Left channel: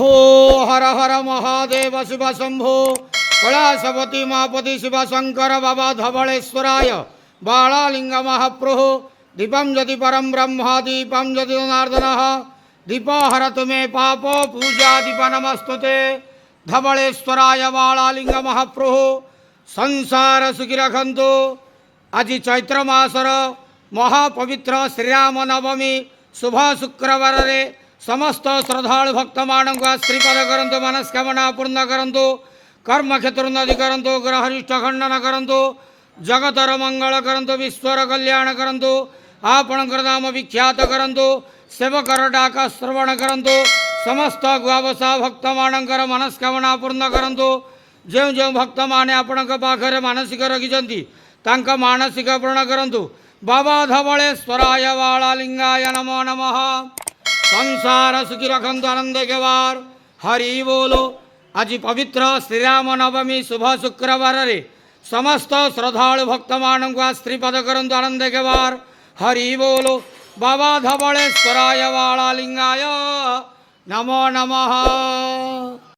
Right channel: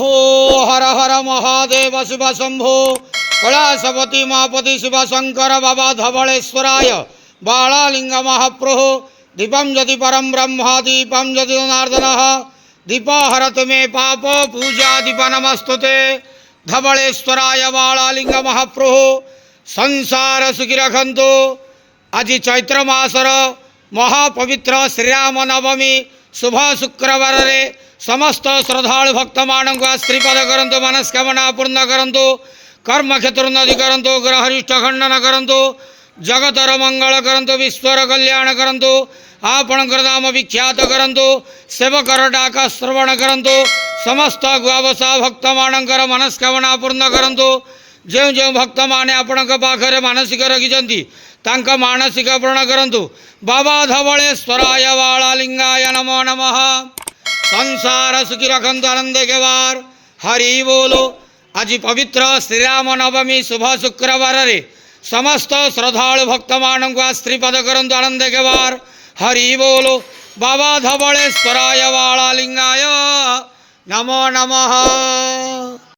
शंभो हर हर महादेव शिव शंभो कैलासपति महापति शिव शंकर बाबा धवलेश्वराय बालालिंग महाप्रभु दीपम ज्योति परम ब्रह्म दीपम ज्योति जनार्दन दीपहरत मे पाप पूजा दीप नमस्तुते धवलेश्वराय बालालिंग महाप्रभु संसार सुखी रखंतु। आज चैत्र मासर महापवित्र श्रीराम नवमी शुभ शुक्रवार रे समस्त श्रद्धालु भक्त मानक श्रीपद करंतु मनस्कामना पूर्ण करंतु कर्म क्षेत्र उन्नति करंतु ग्रहरिष्ठ खंडन करंतु जगतर मंगल करंतु विश्वर कल्याण करंतु आपणकर नाम विख्यात करंतु सेवकर डाका श्रवण करंतु समस्त गुआवसा भक्त मानकर मनस्कामना पूर्ण करंतु। जो जो भक्त माने आपणक पाखरे मानसिक रखिछंती तांका मानसिक पूर्ण करंतु। बाबा धवलेश्वराय बालालिंगाय नमो नमः। संसार सुखी रखंतु आनंद के बार हरि बोलो। आज पवित्र श्रीराम नवमी शुभ शुक्रवार रे समस्त श्रद्धालु भक्त मानक श्रीपद करंतु आनंद के बार हरि बोलो। बाबा धवलेश्वराय बालालिंगाय नमो नमः।